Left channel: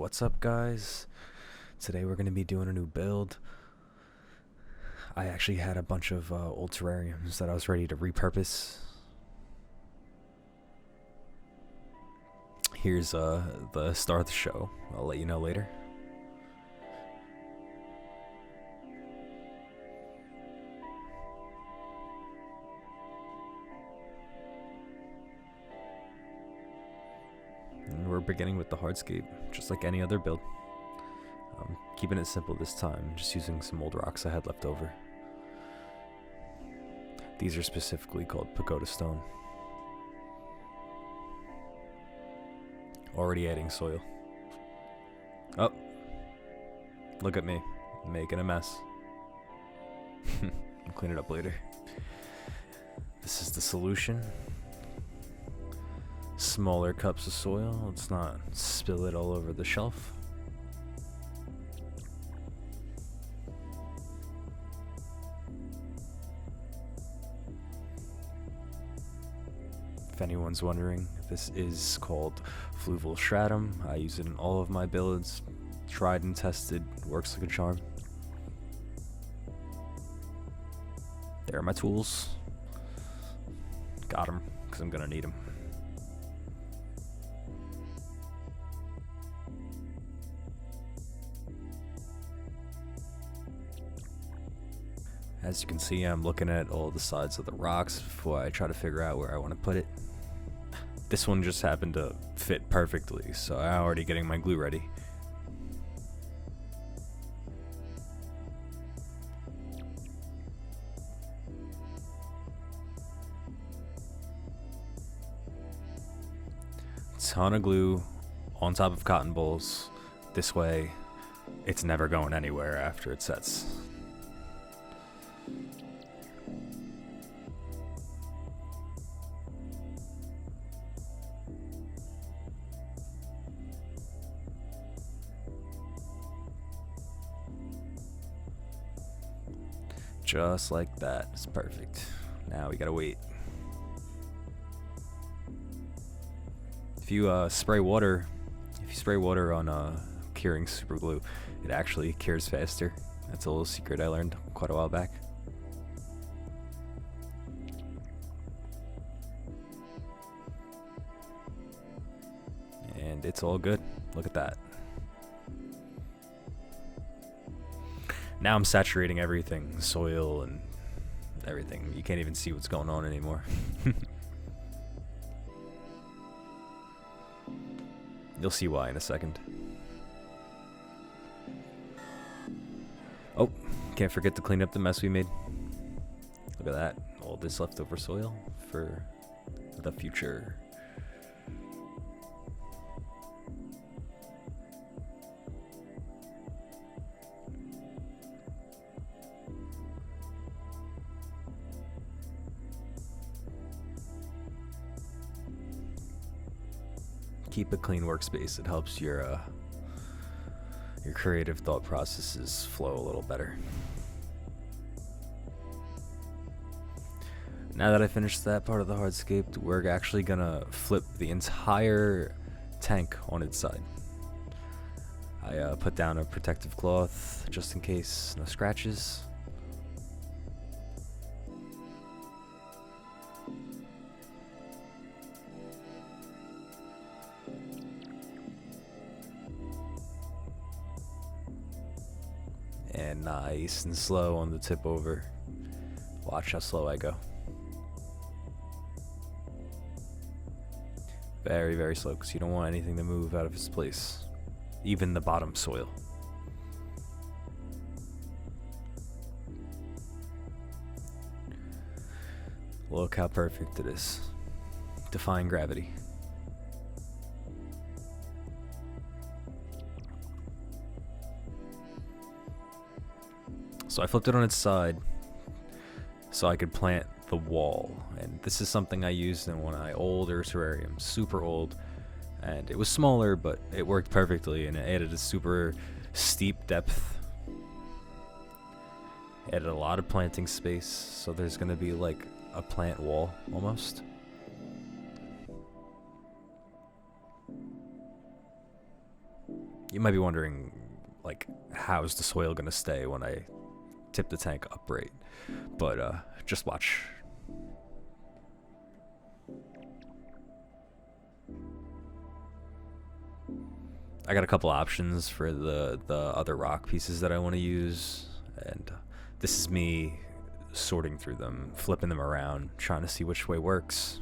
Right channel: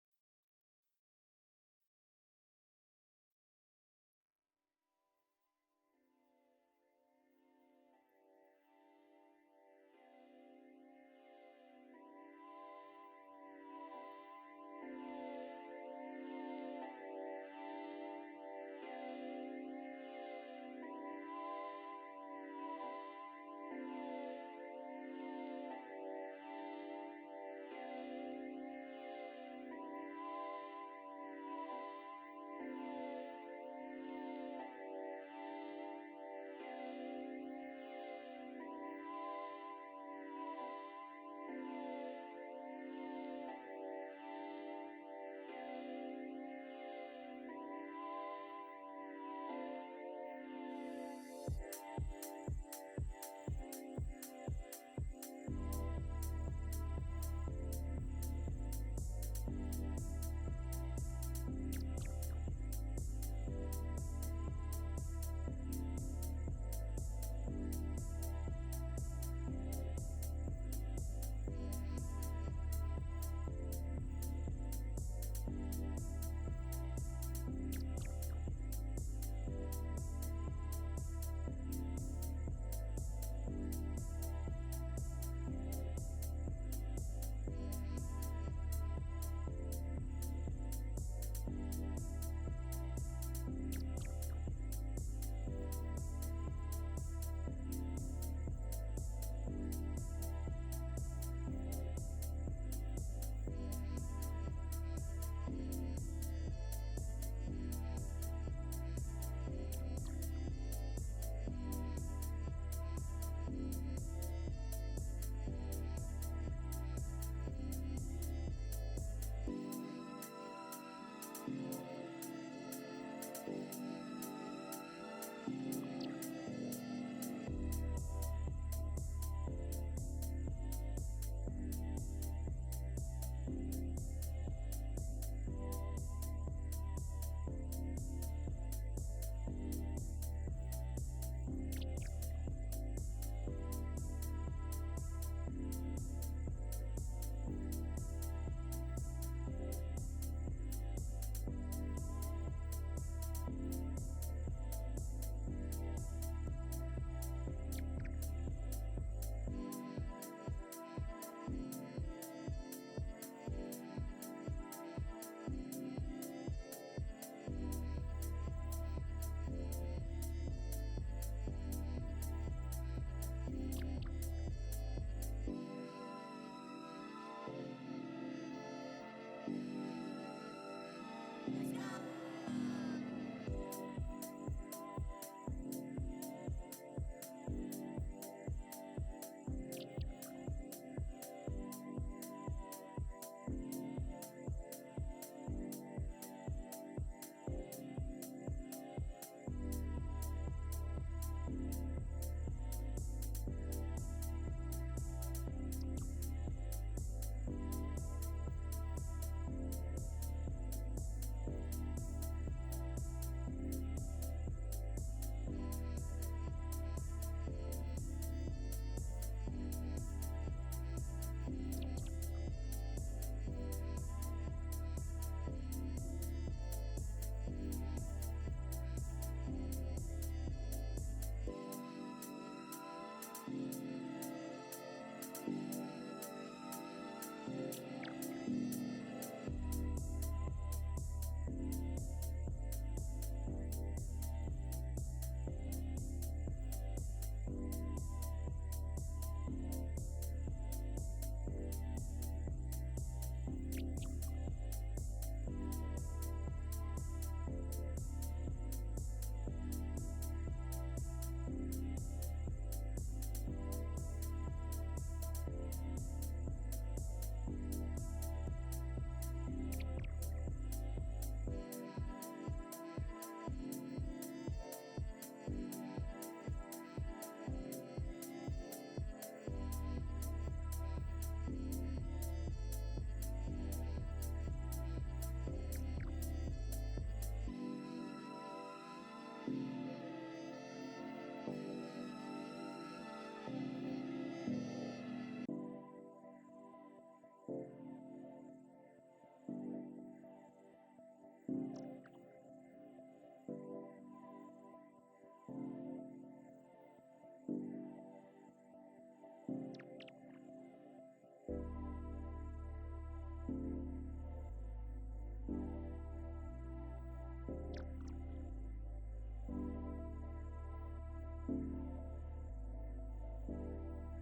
What's up, guys? Today we're going to be doing a new build. I actually had a bunch of old terrariums that I was ready to repurpose. Here's the star of the show. I'll let you know later. And we're beginning with the Hardscape, just like any other build. Keeping it simple this time, just using some old rocks I had left over. These are specifically called pagoda stone. Already adding soil. Oh, look at me, making a mess. I'll clean it up later. This is the solution. Smaller cups of soil, let's not spill it all over the shelf. If anyone's wondering, this is called fluval stratum. I use it in all of my builds. Tried and tested, works like a charm. There are my tools. Got them, because I'm gonna need them. As you can see, I'm looking at all the sides of the rocks before I try to figure out where I want to put it. This one just happened to fit perfectly, so I'm already getting my glue ready. Ton of glue on top of cotton balls. This way, it's never going anywhere after it sets. Just like that. It's perfect. Now we gotta wait. If you spray water on curing super glue, it actually cures faster. That's a little secret I learned quite a while back. And it's all good. Look at that. Now I'm saturating everything, soil and everything. You can't even see what's going on anymore. You'll see why in a second. Oh, can't forget to clean up the mess we made. Look at that, all this leftover soil for the future. Keep a clean workspace. It helps your creative thought processes flow a little better. Now that I finished that part of the hardscape, we're actually gonna flip the entire tank on its side. I put down a protective cloth just in case, no scratches. And nice and slow on the tip over. Watch how slow I go. Very, very slow, because you don't want anything to move out of its place. Even the bottom soil. Look how perfect it is. Defying gravity. So I flipped it on its side so I could plant the wall. And this is something I used in one of my older terrariums, super old. And it was smaller, but it worked perfectly, and it added a super steep depth. Added a lot of planting space, so there's gonna be like a plant wall almost. You might be wondering, like, how's the soil gonna stay when I tip the tank upright? But just watch. I got a couple options for the other rock pieces that I want to use, and this is me sorting through them, flipping them around, trying to see which way works.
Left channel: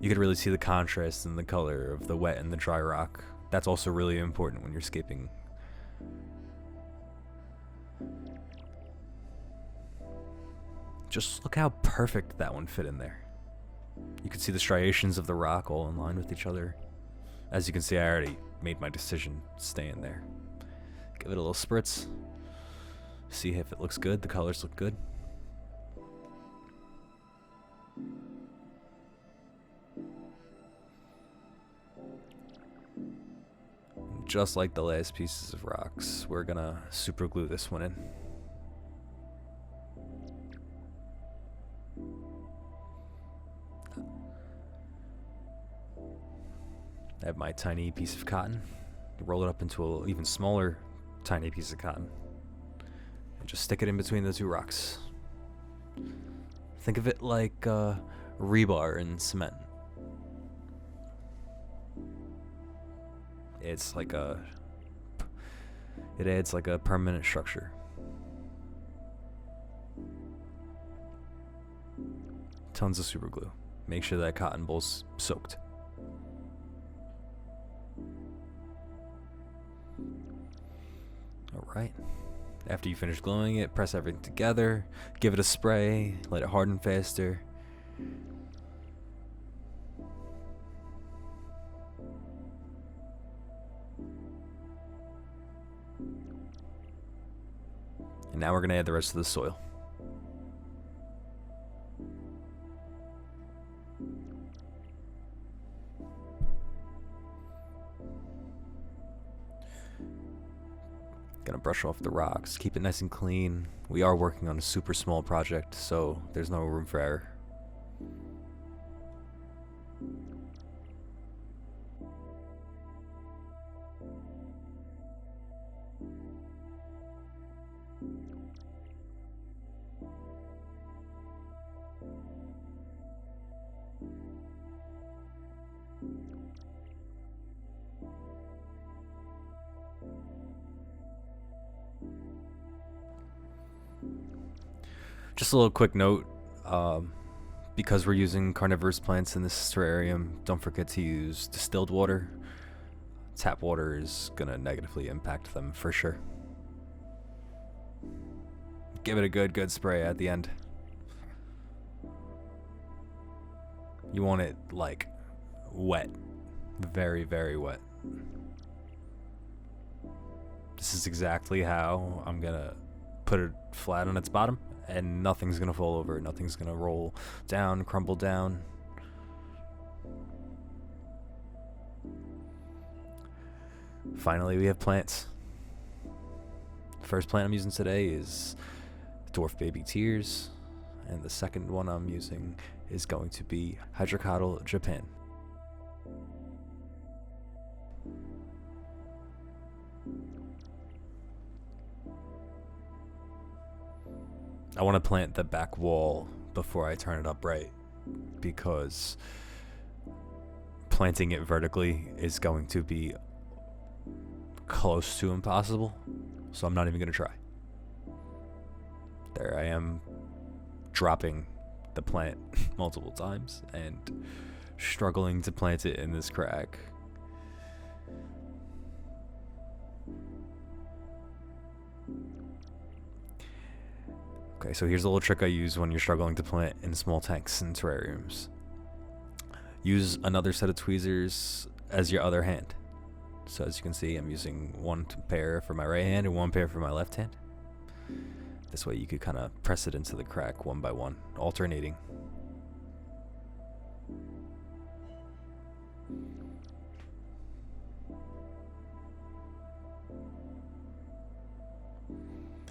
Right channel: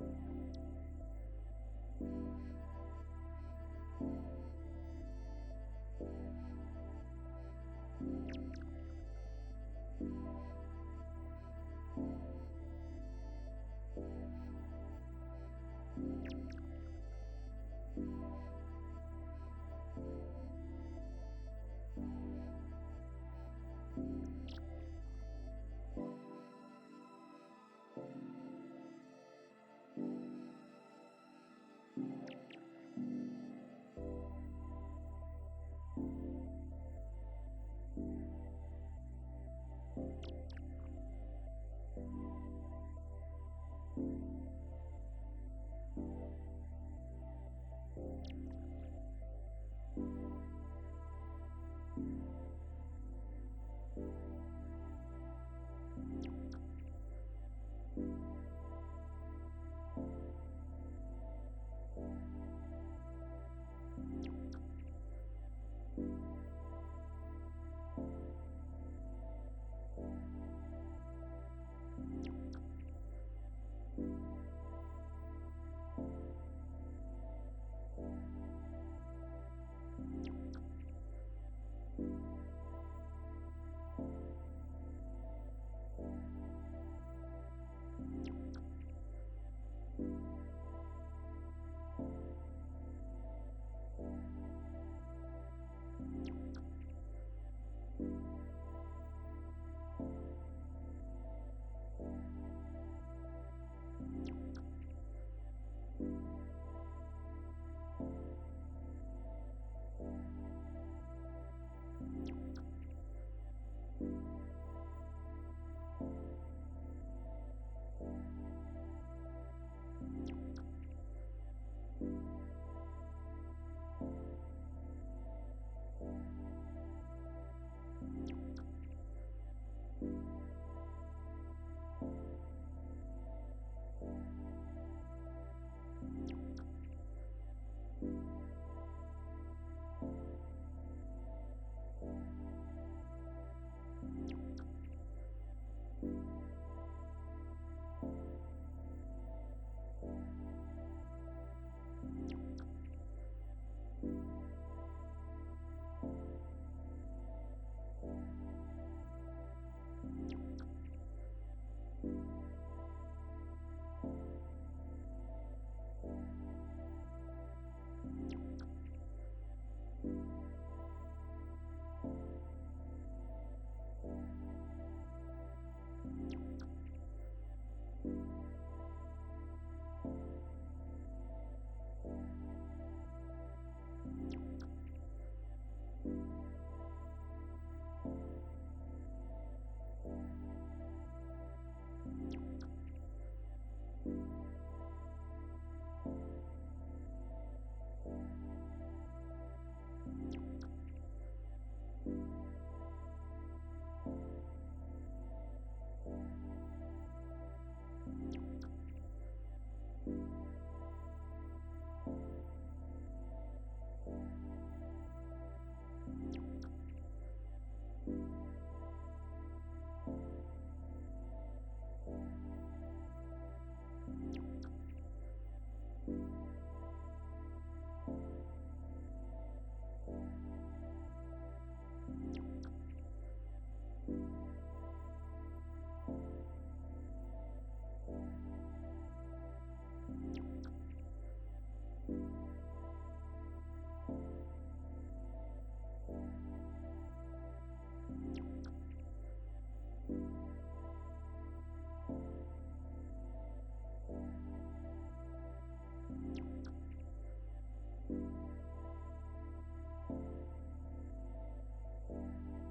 You could really see the contrast in the color of the wet and the dry rock. That's also really important when you're scaping. Just look how perfect that one fit in there. You can see the striations of the rock all in line with each other. As you can see, I already made my decision staying there. Give it a little spritz. See if it looks good. The colors look good. Just like the last pieces of rocks, we're gonna super glue this one in. I have my tiny piece of cotton, roll it up into an even smaller tiny piece of cotton, and just stick it in between the two rocks. Think of it like rebar in cement. It's like it adds like a permanent structure. Tons of super glue. Make sure that cotton bowl's soaked. Alright. After you finish gluing it, press everything together, give it a spray, let it harden faster. And now we're going to add the rest of the soil. Gonna brush off the rocks, keep it nice and clean. We are working on a super small project, so there's no room for error. Just a little quick note, because we're using carnivorous plants in this terrarium, don't forget to use distilled water. Tap water is gonna negatively impact them for sure. Give it a good spray at the end. You want it like wet, very, very wet. This is exactly how I'm gonna put it flat on its bottom, and nothing's gonna fall over, nothing's gonna roll down, crumble down. Finally, we have plants. The first plant I'm using today is Dwarf Baby Tears, and the second one I'm using is going to be Hydrocotyle Japan. I want to plant the back wall before I turn it upright, because planting it vertically is going to be close to impossible, so I'm not even going to try. There I am, dropping the plant multiple times and struggling to plant it in this crack. Okay, so here's a little trick I use when you're struggling to plant in small tanks and terrariums. Use another set of tweezers as your other hand. So as you can see, I'm using one pair for my right hand and one pair for my left hand. This way you could kind of press it into the crack one by one, alternating.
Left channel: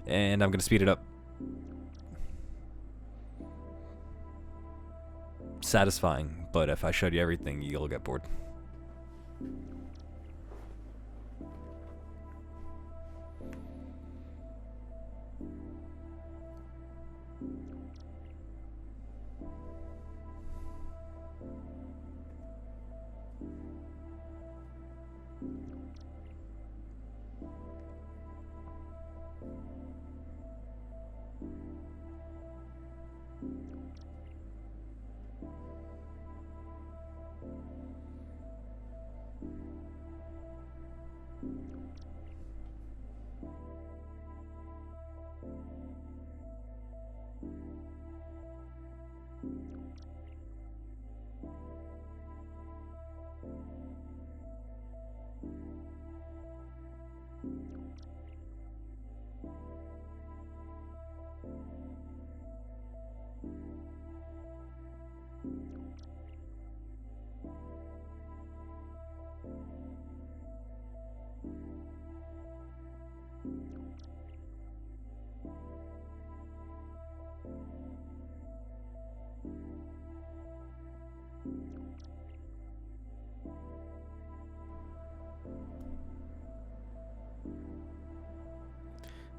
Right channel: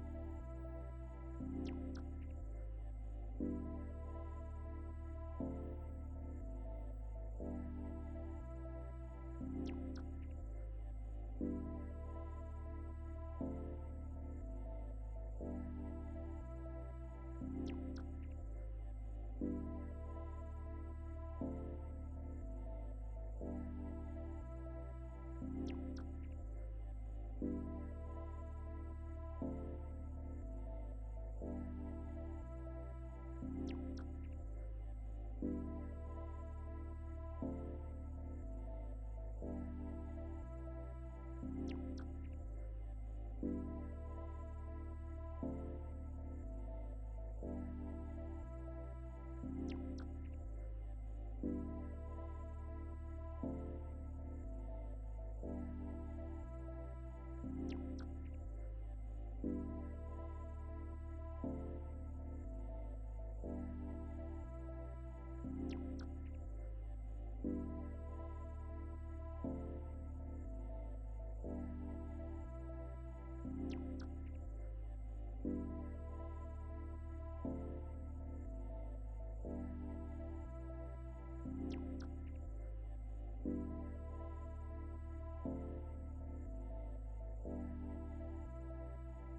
And I'm going to speed it up. Satisfying, but if I showed you everything, you'll get bored.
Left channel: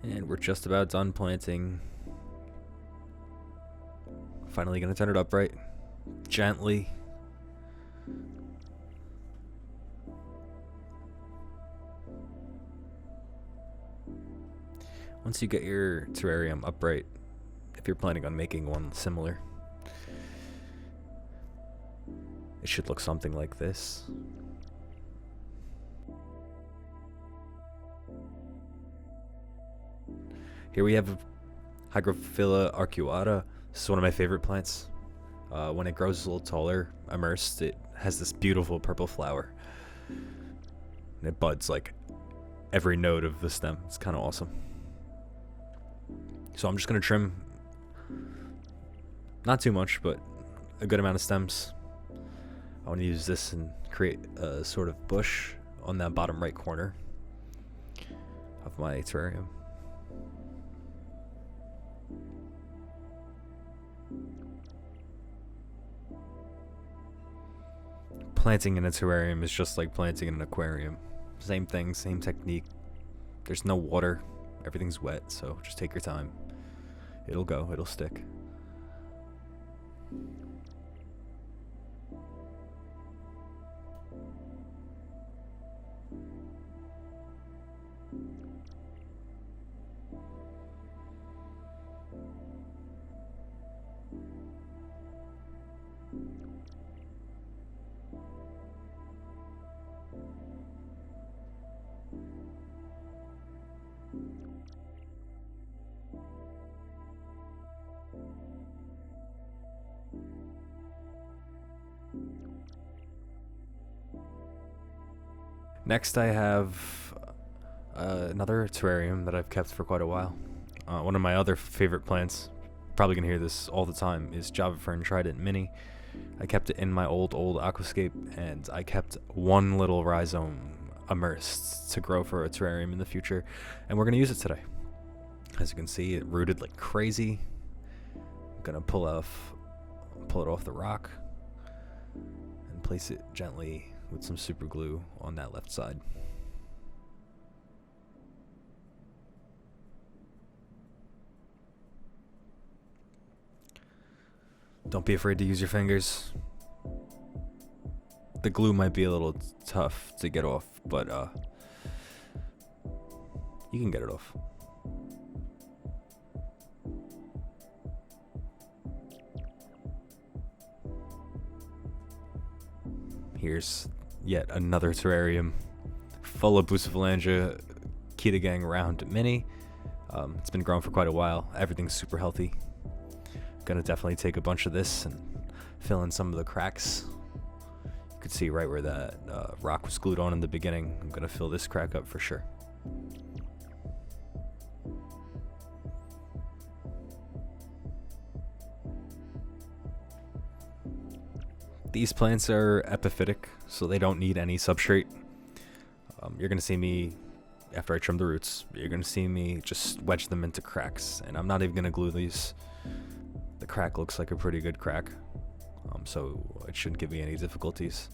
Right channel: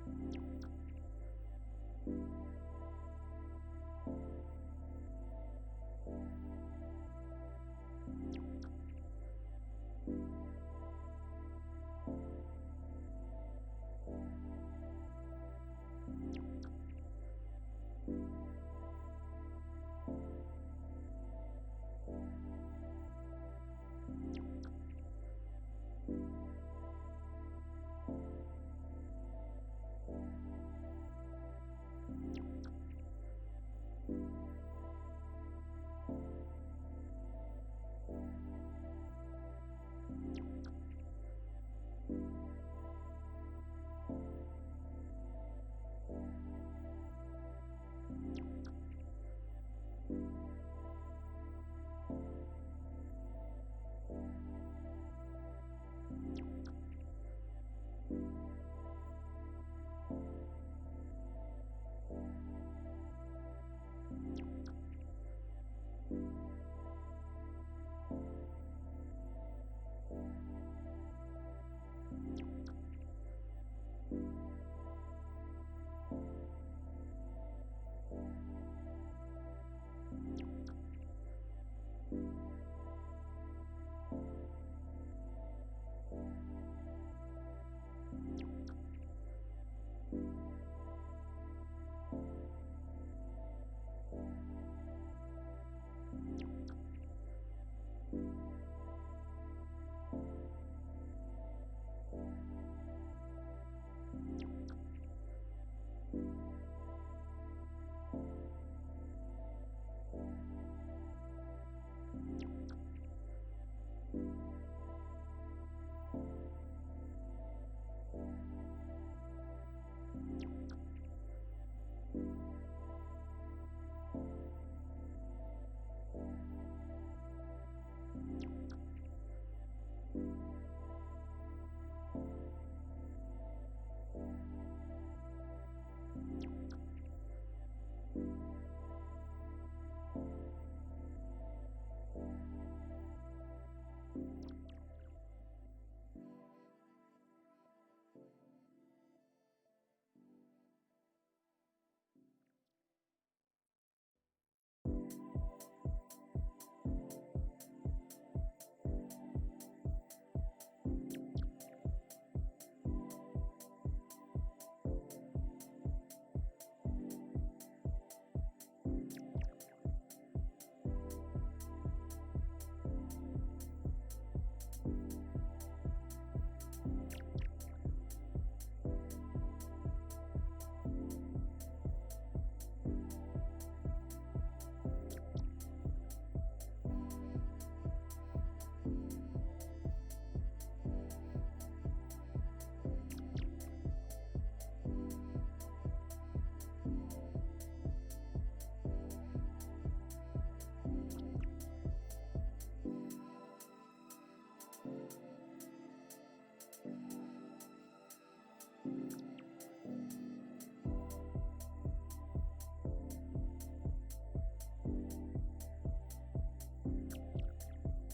And we're just about done planting. Finally gonna turn it upright. Gently. Once you get your terrarium upright, if you're planning on making one similar, it should look something like this. Here we have Hygrophila arcuata. This is one of my favorite plants. When it grows a little taller, immersed, it has this beautiful purple flower. And it buds like every node of the stem. It's kind of awesome. So I'm just going to trim, not too much, but a good amount of stems. I want to use this and create a sort of bush on that bottom right corner of my terrarium. Planting in a terrarium is just like planting in an aquarium. Same thing, same technique. There's no water, everything's wet, so just take your time. It'll go, it'll stick. Next I have another terrarium that I've kept for quite a while. One of my other favorite plants, probably gonna hear this all the time, is Java Fern Trident Mini. I kept it in my old aquascape, and I kept one little rhizome immersed to grow for a terrarium in the future, and we're gonna use it today. As you can see, it rooted like crazy. I'm gonna pull it off the rock and place it gently with some super glue on that left side. Don't be afraid to use your fingers. The glue might be a little tough to get off, but you can get it off. Here's yet another terrarium full of Bucephalangia Ketagang round mini. It's been growing for quite a while. Everything's super healthy. Gonna definitely take a bunch of this and fill in some of the cracks. You could see right where that rock was glued on in the beginning. I'm gonna fill this crack up for sure. These plants are epiphytic, so they don't need any substrate. You're gonna see me, after I trim the roots, you're gonna see me just wedge them into cracks, and I'm not even gonna glue these. The crack looks like a pretty good crack, so it shouldn't give me any difficulties.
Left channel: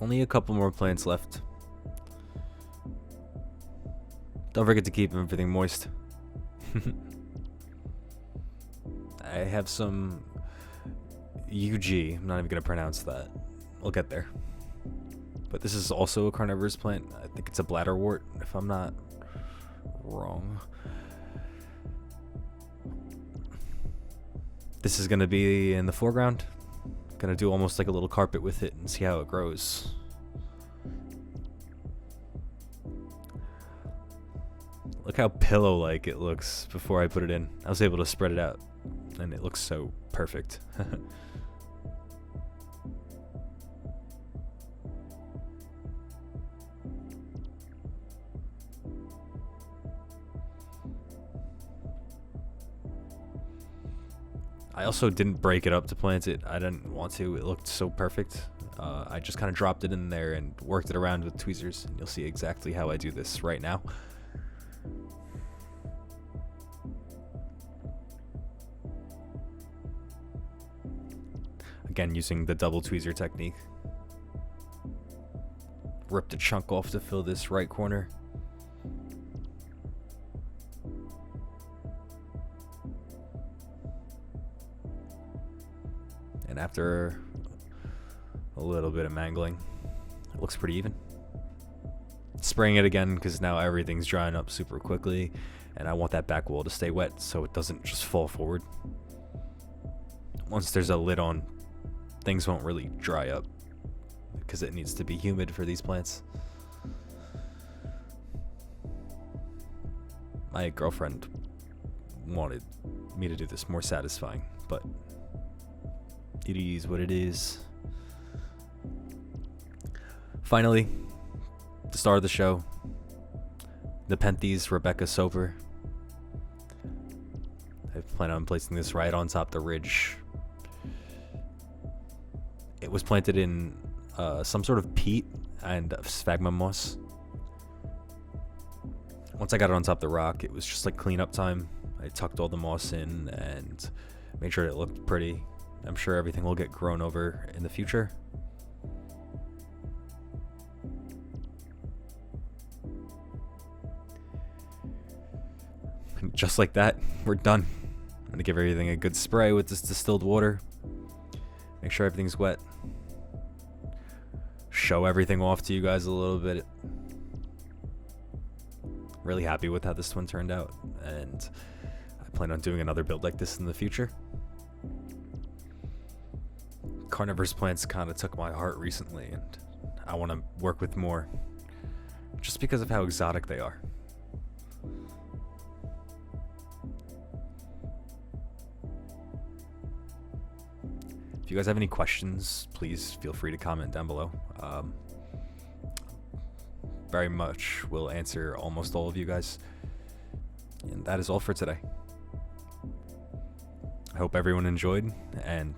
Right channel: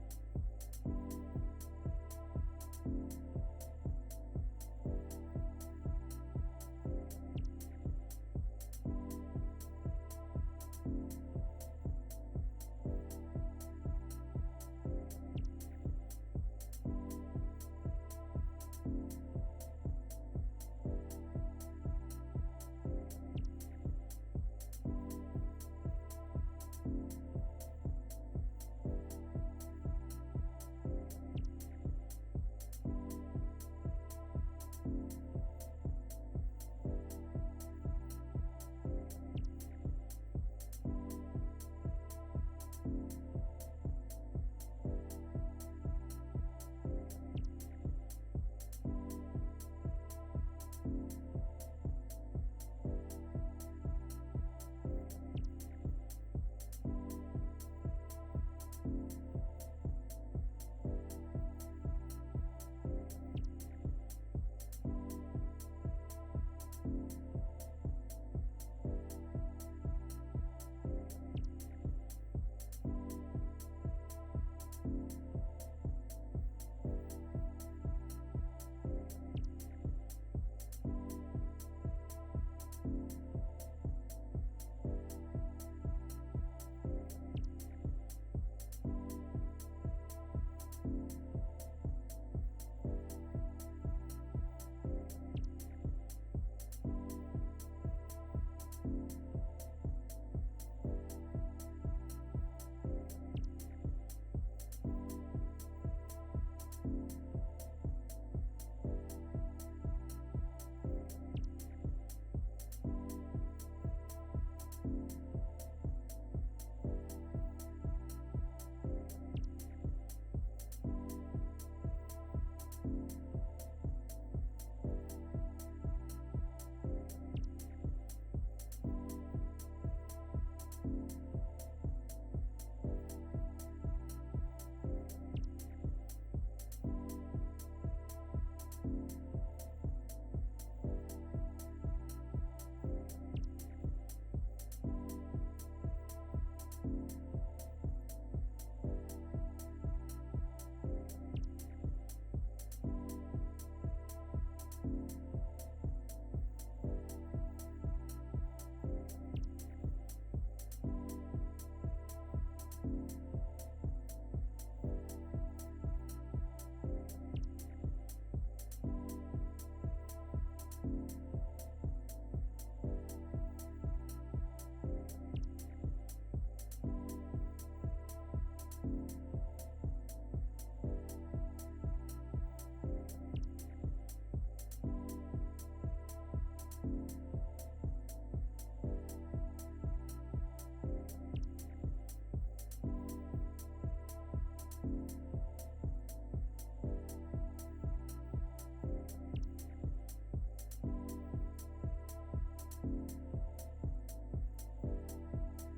Only a couple more plants left. Don't forget to keep everything moist. I have some UG. I'm not even going to pronounce that. We'll get there. But this is also a carnivorous plant. I think it's a bladderwort, if I'm not wrong. This is going to be in the foreground. Going to do almost like a little carpet with it and see how it grows. Look how pillow-like it looks before I put it in. I was able to spread it out, and it looks so perfect. I also didn't break it up to plant it. I didn't want to. It looked so perfect. I just kind of dropped it in there and worked it around with tweezers, and you'll see exactly how I do this right now. Again, using the double tweezer technique. Ripped a chunk off to fill this right corner. And after a little bit of mangling, it looks pretty even. Spraying it again because now everything's drying up super quickly, and I want that back wall to stay wet so it doesn't just fall forward. Once there's a lid on, things won't really dry up because it needs to be humid for these plants. My girlfriend wanted me to do this more satisfying, but it is what it is. Finally, the star of the show, Nepenthes Rebecca Soper. I plan on placing this right on top of the ridge. It was planted in some sort of peat and sphagnum moss. Once I got it on top of the rock, it was just like cleanup time. I tucked all the moss in and made sure it looked pretty. I'm sure everything will get grown over in the future. And just like that, we're done. I'm gonna give everything a good spray with this distilled water. Make sure everything's wet. Show everything off to you guys a little bit. Really happy with how this one turned out, and I plan on doing another build like this in the future. Carnivorous plants kind of took my heart recently, and I want to work with more just because of how exotic they are. If you guys have any questions, please feel free to comment down below. Very much will answer almost all of you guys. And that is all for today. I hope everyone enjoyed, and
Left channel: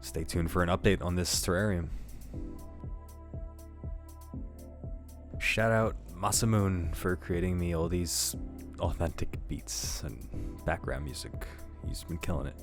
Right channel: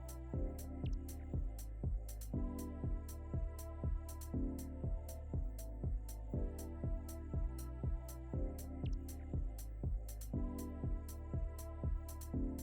stay tuned for an update on this terrarium. Shout out Masamoon for creating me all these authentic beats and background music. He's been killing it.